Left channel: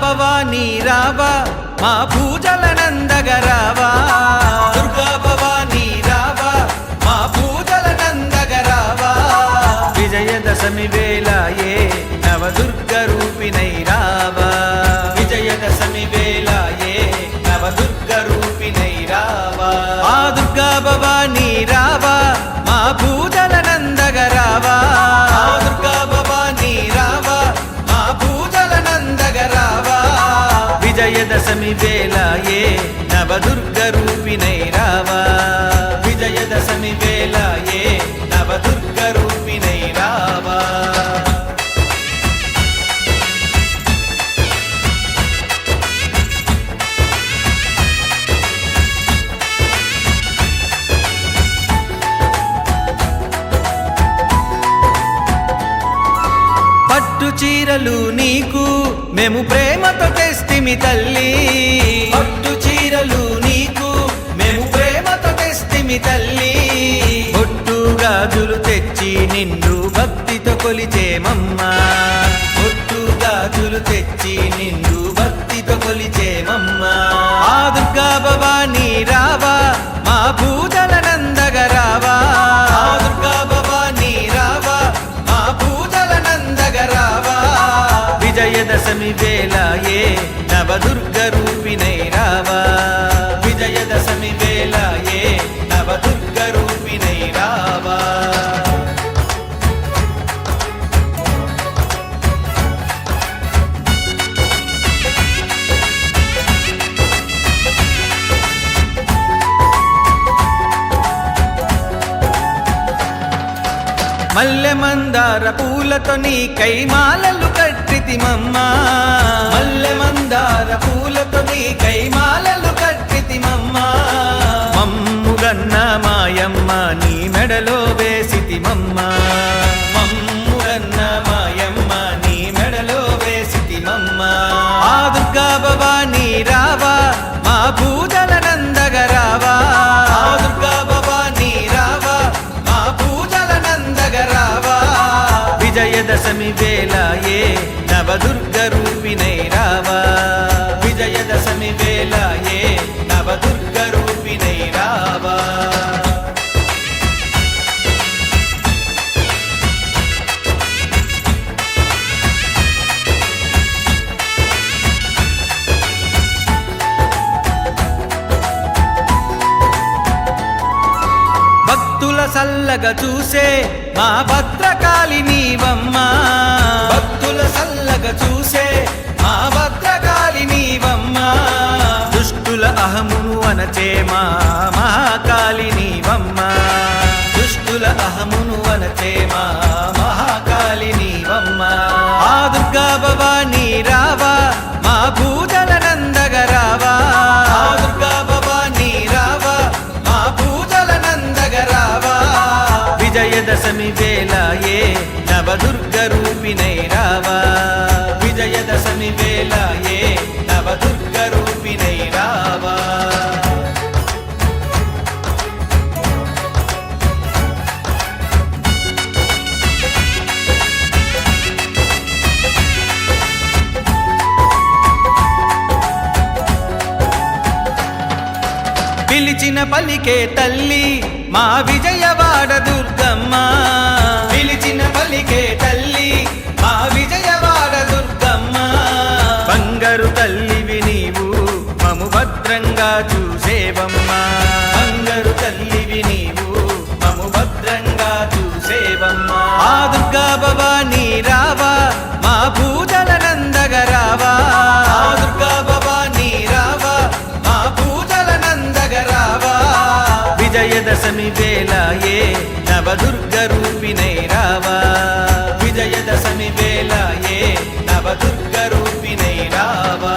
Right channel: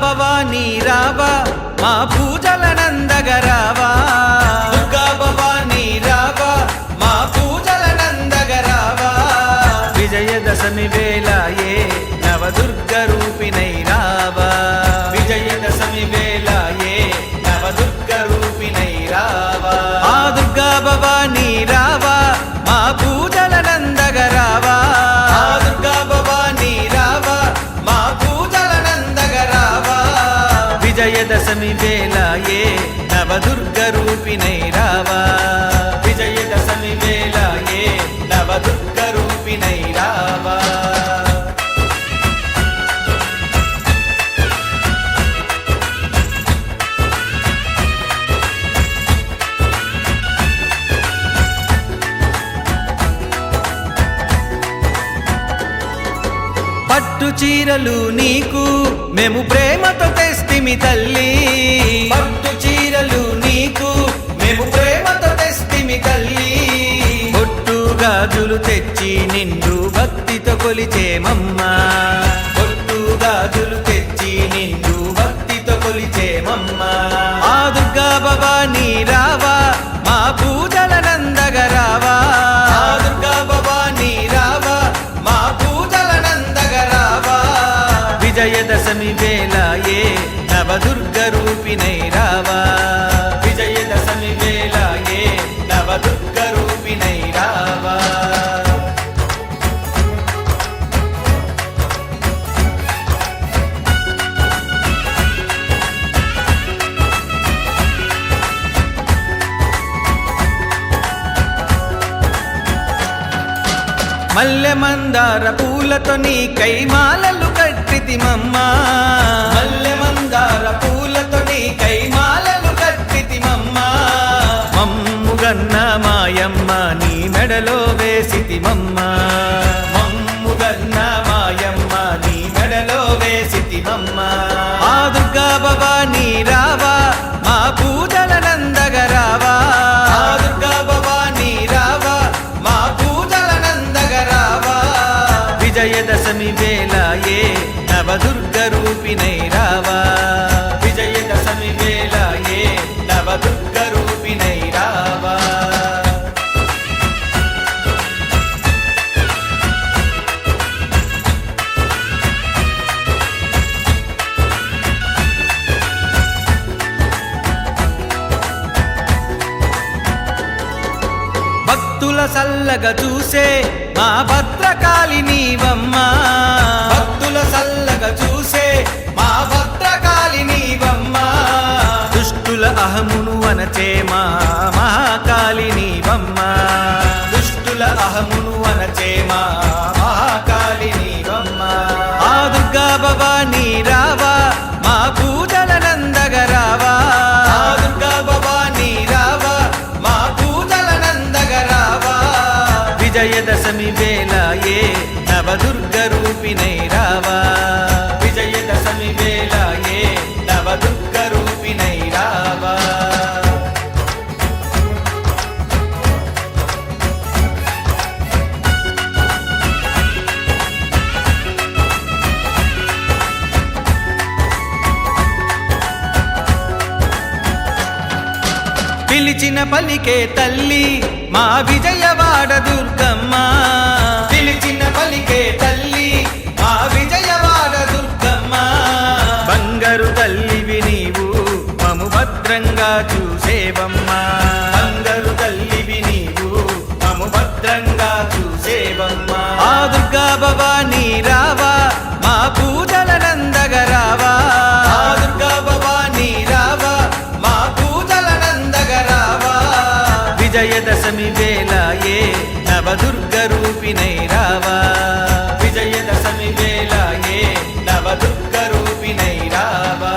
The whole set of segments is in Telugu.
భవానీ రావా మా పూజలనందగరావా దుర్గా భవానీ రావా మా పూజలనందగరావా విజయదశమి వేళ ఏ నవదుర్గ రూపిణై రావా విజయదశమి వేళ ఏ నవదుర్గ రూపిణై రావా ఆ దుర్గా భవానీ రావా మా పూజలనందగరావా దుర్గా భవానీ రావా మా పూజలనందగరావా విజయదశమి వేళ ఏ నవదుర్గ రూపిణై రావా విజయదశమి వేళ ఏ నవదుర్గ రూపిణై రావా పట్టు చీరలు నీకు మేము ప్రేమతో తెస్తిమి తల్లి పట్టు చీరలు నీకు మేము ప్రేమతో తెస్తిమి తల్లి బొట్టు గాజులు తెచ్చి నిండు భక్తితో కొలిచేమమ్మా బొట్టు గాజులు తెచ్చి నిండు భక్తితో కొలిచేమమ్మా ఆ దుర్గా భవానీ రావా మా పూజలనందగరావా దుర్గా భవానీ రావా మా పూజలనందగరావా విజయదశమి వేళ ఏ నవదుర్గ రూపిణై రావా విజయదశమి వేళ ఏ నవదుర్గ రూపిణై రావా మల్లె మందార పూలతో నీ కైమాలలు కట్టితిమమ్మా మల్లె మందార పూలతో నీ కైమాలలు కట్టితిమమ్మా మమ్ముగన్న మాయమ్మ నీ మెడలో వేసితిమమ్మా మమ్ముగన్న మాయమ్మ నీ మెడలో వేసితిమమ్మా ఆ దుర్గా భవానీ రావా మా పూజలనందగరావా దుర్గా భవానీ రావా మా పూజలనందగరావా విజయదశమి వేళ ఏ నవదుర్గ రూపిణై రావా విజయదశమి వేళ ఏ నవదుర్గ రూపిణై రావా భక్తుల సల్లగా చూసే మా భద్రకాళి నీవమ్మా భక్తుల సల్లగా చూసే మా భద్రకాళి నీవమ్మా దుష్టుల అహమును అనచే మా మహాకాళి నీవమ్మా దుష్టుల అహమును అనచే మా మహాకాళి నీవమ్మా ఆ దుర్గా భవానీ రావా మా పూజలనందగరావా దుర్గా భవానీ రావా మా పూజలనందగరావా విజయదశమి వేళ ఏ నవదుర్గ రూపిణై రావా విజయదశమి వేళ ఏ నవదుర్గ రూపిణై రావా పిలిచిన పలికే తల్లి మా విజయవాడ దుర్గమ్మ పిలిచిన పలికే తల్లి మా విజయవాడ దుర్గమ్మ బంగారు తల్లివి నీవు మము భద్రంగా చూసేవమ్మా బంగారు తల్లివి నీవు మము భద్రంగా చూసేవమ్మా ఆ దుర్గా భవానీ రావా మా పూజలనందగరావా దుర్గా భవానీ రావా మా పూజలనందగరావా విజయదశమి వేళ ఏ నవదుర్గ రూపిణై రావా విజయదశమి వేళ ఏ నవదుర్గ రూపిణై రావా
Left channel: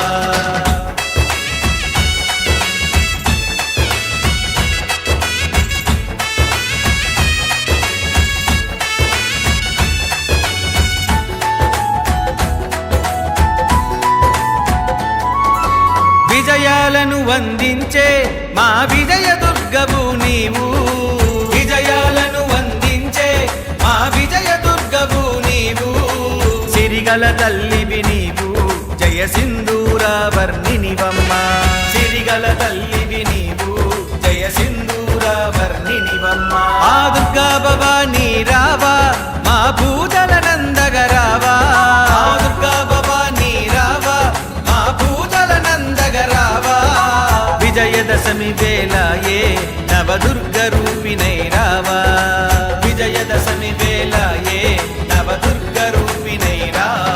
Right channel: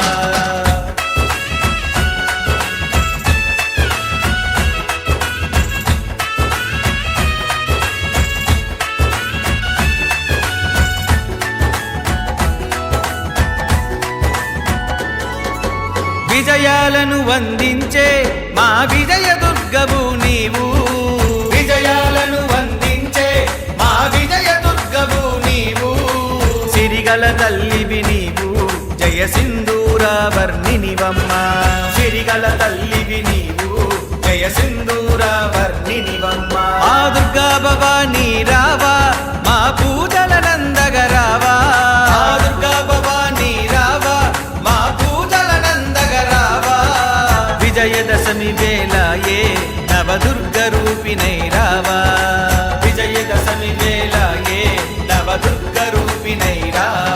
విజయాలను వందించే మా విజయ దుర్గవు నీవు విజయాలను వందించే మా విజయ దుర్గవు నీవు సిరిగల తల్లివి నీవు జయ సింధూర వర్ణినివమ్మ సిరిగల తల్లివి నీవు జయ సింధూర వర్ణినివమ్మ ఆ దుర్గా భవానీ రావా మా పూజల నందగరావా ఆ దుర్గా భవానీ రావా మా పూజల నందగరావా విజయదశమి వేళ ఏ నవదుర్గ రూపిణై రావా విజయదశమి వేళ ఏ నవదుర్గ రూపిణై రావా